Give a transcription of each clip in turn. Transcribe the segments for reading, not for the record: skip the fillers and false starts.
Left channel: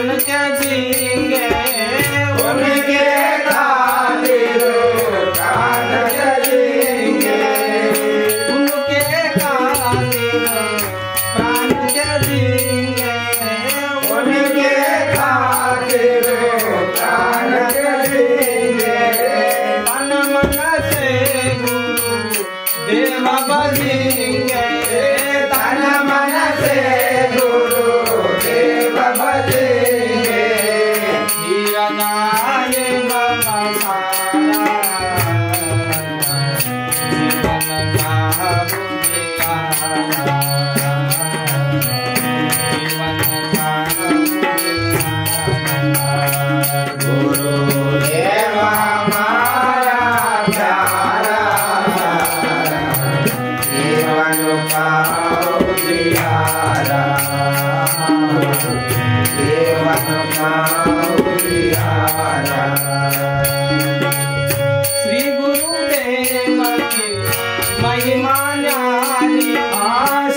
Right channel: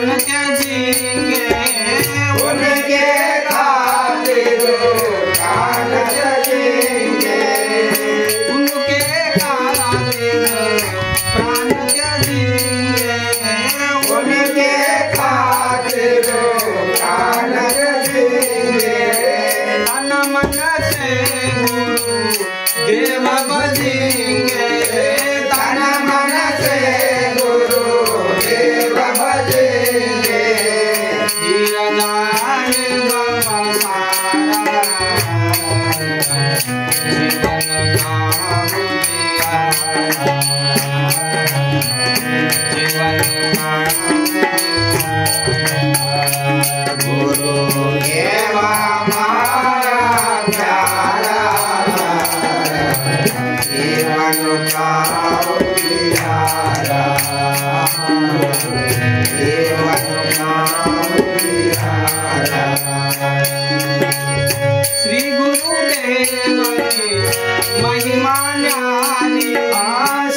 प्राण के झींगे उनके खातिर प्राण के झींगे उनके खातिर प्राण के झींगे उनके खातिर प्राण के झींगे तन मन से गुरु देव भजेंगे तन मन से गुरु देव भजेंगे जीवन आए बाबा सारा जीवन का उजियारा जीवन का उजियारा गुरु देव हमारा प्यारा जीवन का उजियारा जीवन का उजियारा श्री गुरुदेव की महिमा न्यारी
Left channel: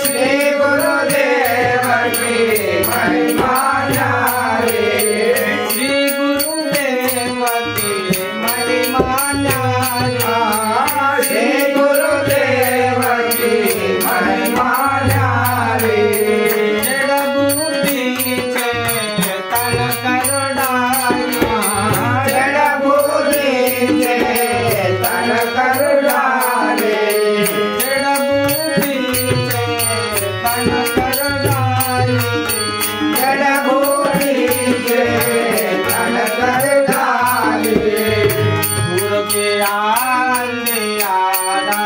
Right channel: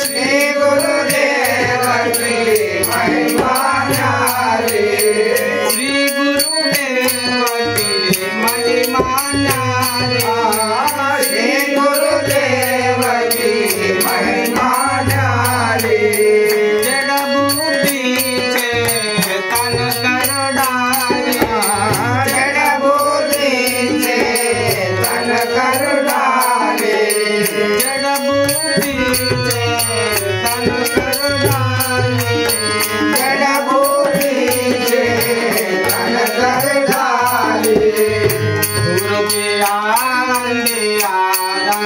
श्री गुरुदेव की महिमा न्यारी श्री गुरुदेव की महिमा न्यारी श्री गुरुदेव की महिमा न्यारी जड़ बुद्धि से तन कर डालिया जड़ बुद्धि से तन कर डाले जड़ बुद्धि से तन कर डाली जड़ बुद्धि से तन कर डाले दूर किया अंधियारा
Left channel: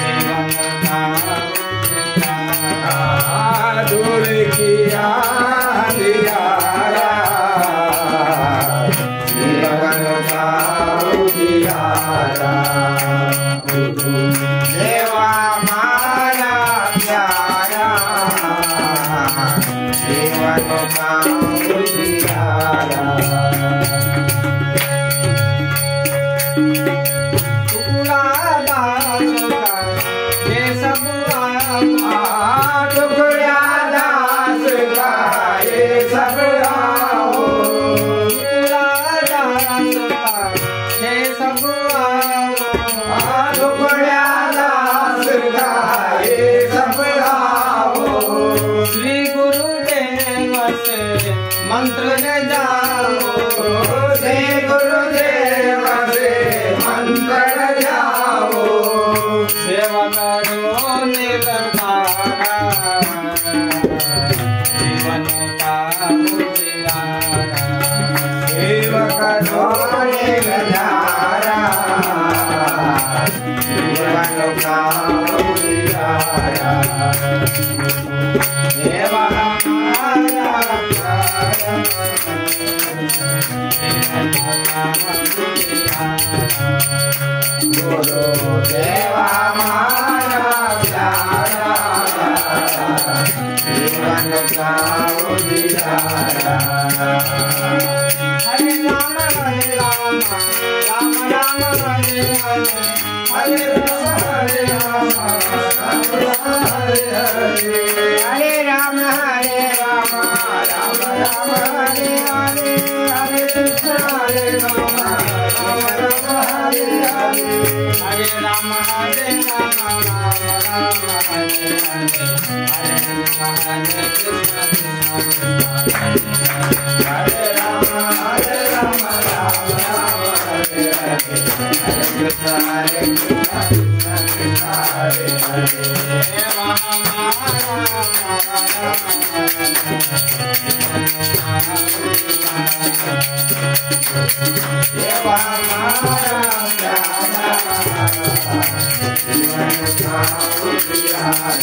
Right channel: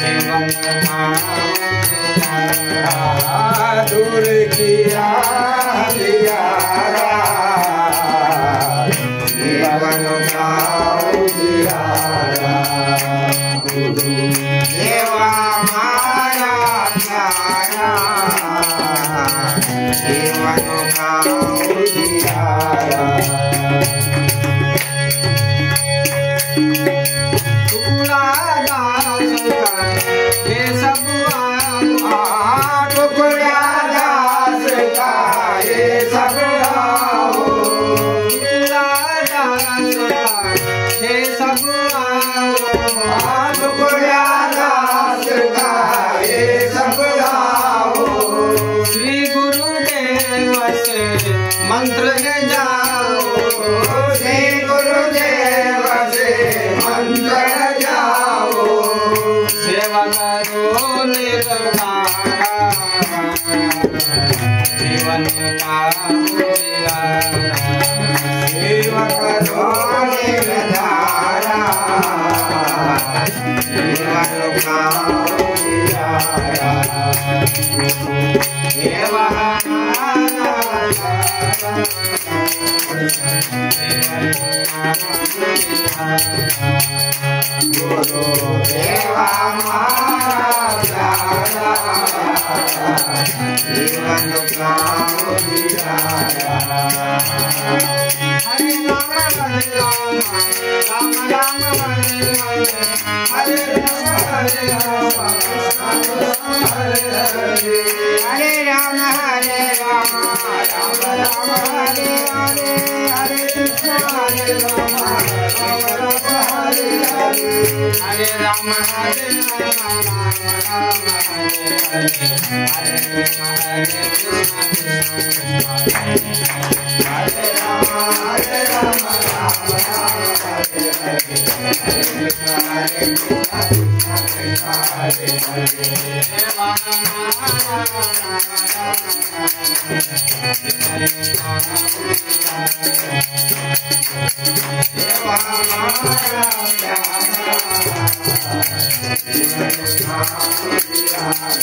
जीवन का उजियारा दूर किया दिलारा जीवन का उजियारा गुरु देवा हमारा प्यारा जीवन का उजियारा टुकड़ा दास का ये सब आया टुकड़ा दास का ये सब आओ टुकड़ा दास का ये सब आओ टुकड़ा दास का ये सब आओ श्री गुरुदेव से मंत्र ले जाओ श्री गुरुदेव से मंत्र जाओ सेवा करो निर्धारा जीवन का उजियारा सेवक धोने धारा जीवन का उजियारा देवा हमारा गुरु देवा हमारा प्यारा जीवन का उजियारा हरे राम राम राम हरे हरे हरे राम हरे राम हरे राम हरे राम राम राम हरे हरे हरे कृष्ण हरे राम राम राम हरे हरे हरे राम राम राम हरे हरे हरे कृष्ण हरे कृष्ण हरे राम राम राम हरे हरे हरे कृष्ण हरे कृष्ण कृष्ण हरे हरे देवा हमारा प्यारा जीवन का उजियारा